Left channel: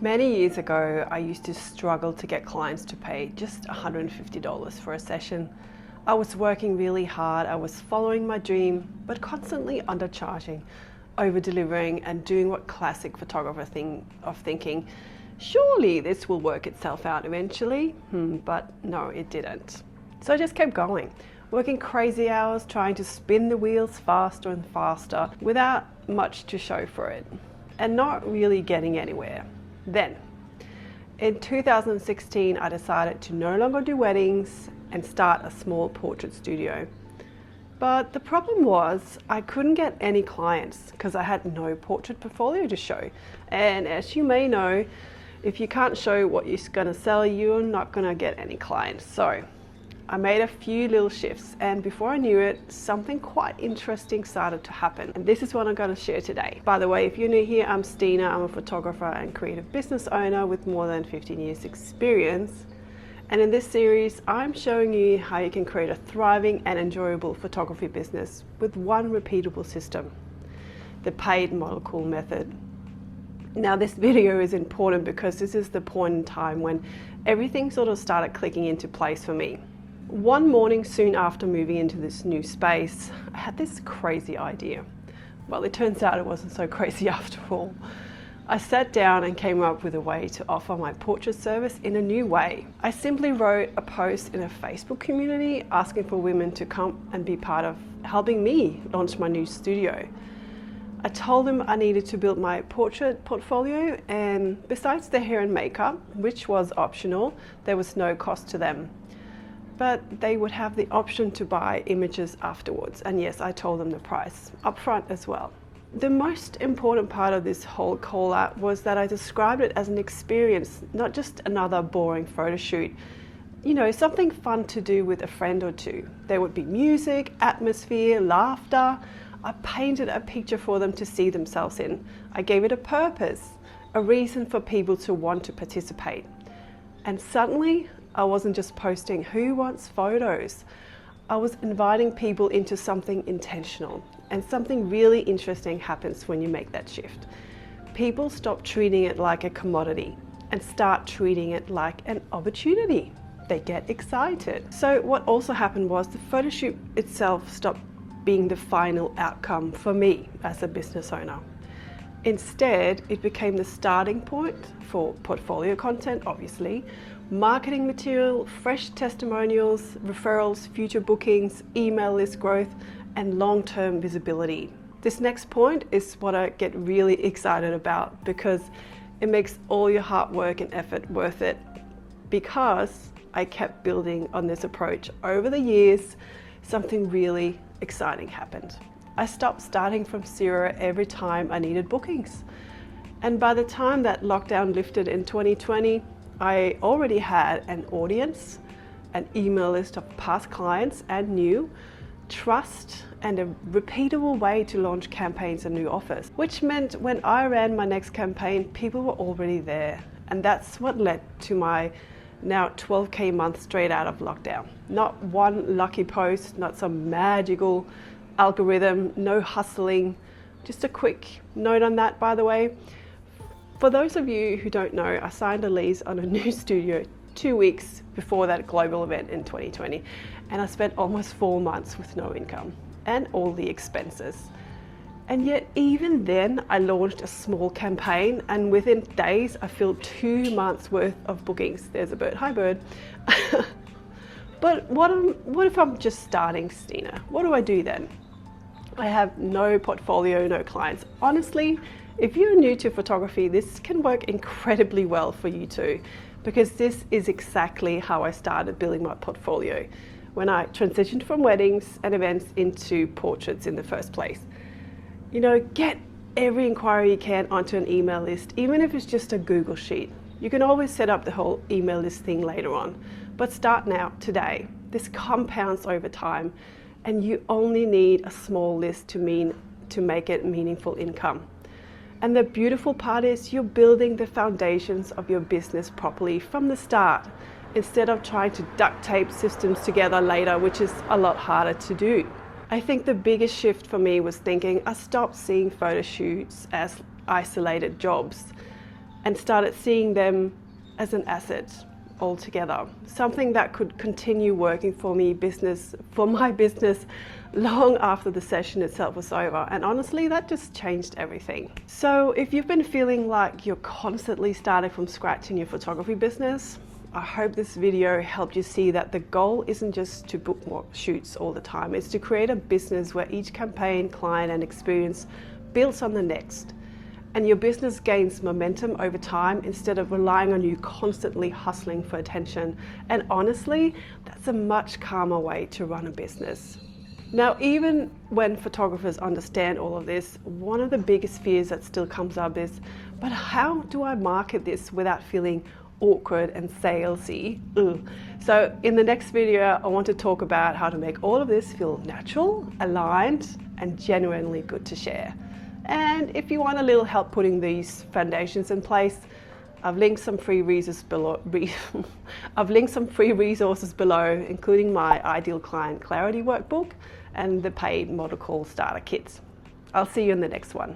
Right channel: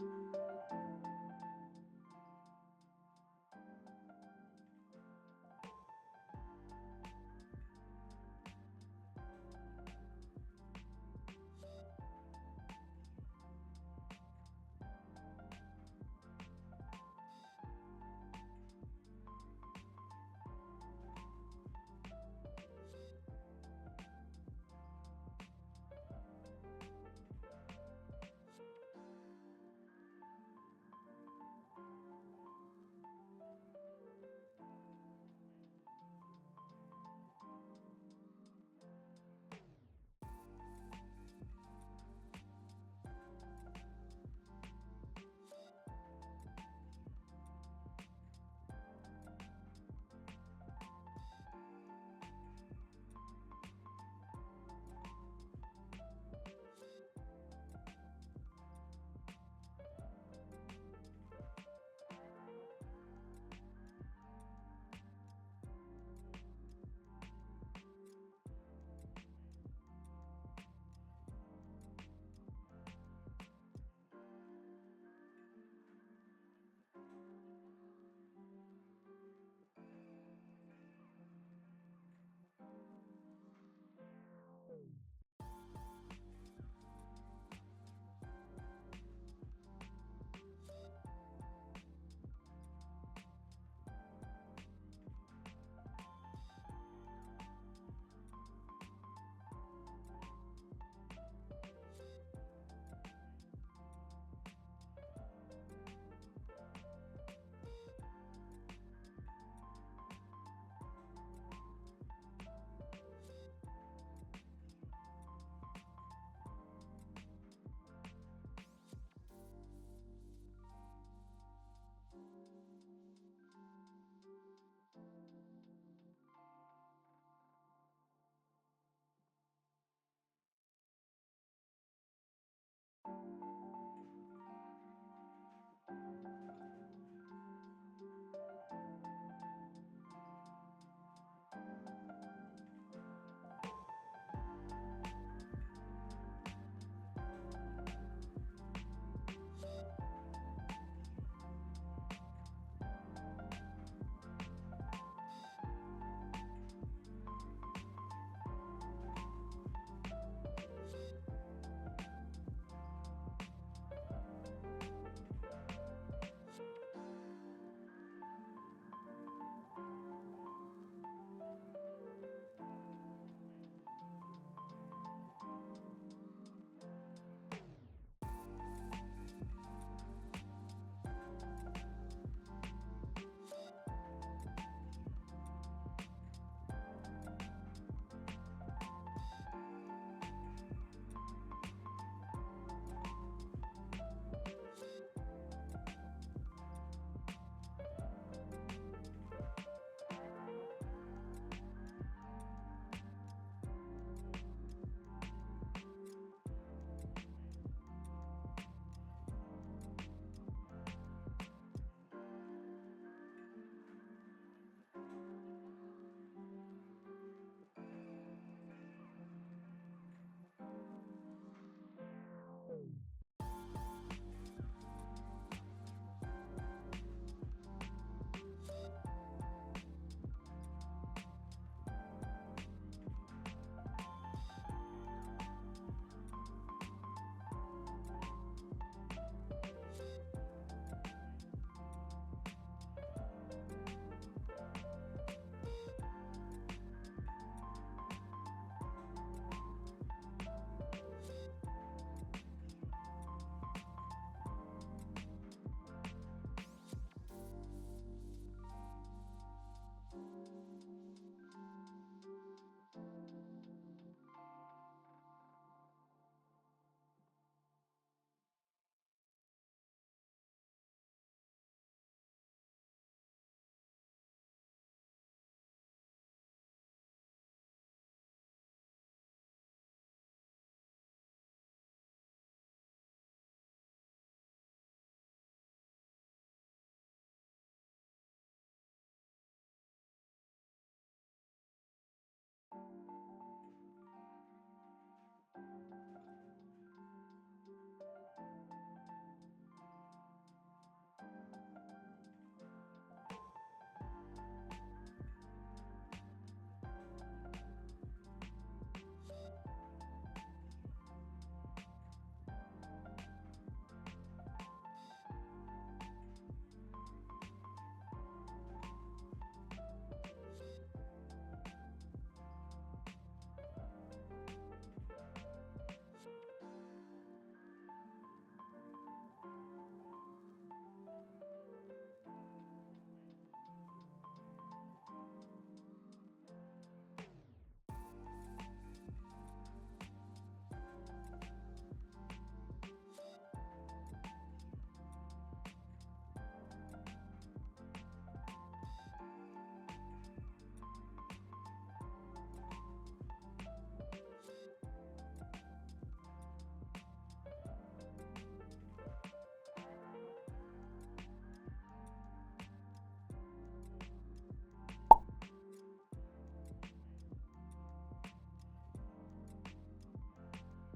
Many years ago, I used to struggle to get clients to pay just $150 for a session. I was working really hard, I was following my dream, but constantly undercharging, over-delivering and doing what classic photographer thinking, surely this will work itself out eventually, but no, it didn't. So I just kept going, working crazy hours, trying to spin the wheels faster and faster without much to show for it, and not really getting anywhere. Then, in 2016, I decided to no longer do weddings and start a small portrait studio. But the problem was I couldn't get any clients because I had no portrait portfolio to show. And as you may know, if you can't show what you're going to sell, you're not going to get any clients. So I made a few little shifts, and before I knew it, something quite interesting started to happen. And this is what I'm going to share today. By the way, if you're new here, I'm Stine. I'm a photographer and creative business owner with more than 15 years experience. And in this series, I'm showing you how you can create a thriving and enjoyable photography business with one repeatable system, the paid model call method. Now this video is important because this is the point in time when everything sort of started clicking into place for me. One morning soon after moving into this new space, I had this crazy idea. Well, it turns out it wasn't so crazy after all. I sat down and came up with a way to offer my portrait service in a new way. I simply wrote a post in a Facebook community asking for women to come and be part of helping me launch my new studio. I told them I needed to build my portrait portfolio, and besides the hair and makeup, which was optional, there was no cost to them. But they would have the option to buy images afterwards. And yes, I told them the price upfront as well. The most important part of this whole call out was that I described it as an experience, not just another boring photo shoot. You know, something fun to do with a friend or two. There would be music, atmosphere, laughter. I painted a picture for them to see themselves in. I gave it a purpose, a reason for people to want to participate. And suddenly, I wasn't just posting who wants photos. I was inviting people into something intentional, and something really interesting happens when you make that shift. People stop treating it like a commodity and start treating it like an opportunity. They get excited. So what also happened was the photo shoot itself stopped being the final outcome for me as a business owner. Instead, it became the starting point for portfolio content, obviously, marketing material, fresh testimonials, referrals, future bookings, email list growth, and long-term visibility. This next point is what I get really excited about because it makes all your hard work and effort worth it, because I kept building on this approach over the years. Something really exciting happened. I stopped starting from zero every time I needed bookings. And by the time that lockdown lifted in 2020, I already had an audience, an email list of past clients and new, trust, and a repeatable way to launch campaigns and new offers, which meant when I ran my next campaign, people were already there. And that's what led to my now 12K month straight out of lockdown. Not one lucky post, not some magical algorithm, no hustling. Just a quick note on that, by the way. For those of you who don't know, I signed a lease on a new studio 2 weeks before that global event in 2020, and I spent almost 4 months with no income and all the expenses. And yet even then I launched a small campaign, and within days I filled 2 months worth of bookings. There's a bird, hi bird. But what if I'm just starting, Stine? What do I do then? I have no portfolio, no clients. Honestly, if you're new to photography, this can work incredibly well for you too, because this is exactly how I started building my portfolio when I transitioned from weddings and events into portraits in the first place. You know, get every inquiry you can onto an email list, even if it's just a Google sheet. You can always set up the whole email list thing later on, but start now, today. This compounds over time, and you only need a small list to make it meaningful income. And the beautiful part is you're building the foundations of your business properly from the start, instead of trying to duct tape systems together later, which is a lot harder to do. I think the biggest shift for me was thinking I stopped seeing photo shoots as isolated jobs and started seeing them as an asset altogether, something that could continue working for my business long after the session itself was over. And honestly, that just changed everything. So if you've been feeling like you're constantly starting from scratch in your photography business, I hope this video helped you see that the goal isn't just to book more shoots all the time. It's to create a business where each campaign, client, and experience builds on the next. And your business gains momentum over time instead of relying on you constantly hustling for attention. And honestly, that's a much calmer way to run a business. Now, even when photographers understand all of this, one of the biggest fears that still comes up is, but how do I market this without feeling awkward and salesy? Ugh. So in the next video, I want to talk about how to make all of this feel natural, aligned, and genuinely good to share. And if you want a little help putting these foundations in place, I've linked some free resources below, including my Ideal Client Clarity Workbook and the paid Model Call Starter Kits. I'll see you in the next one.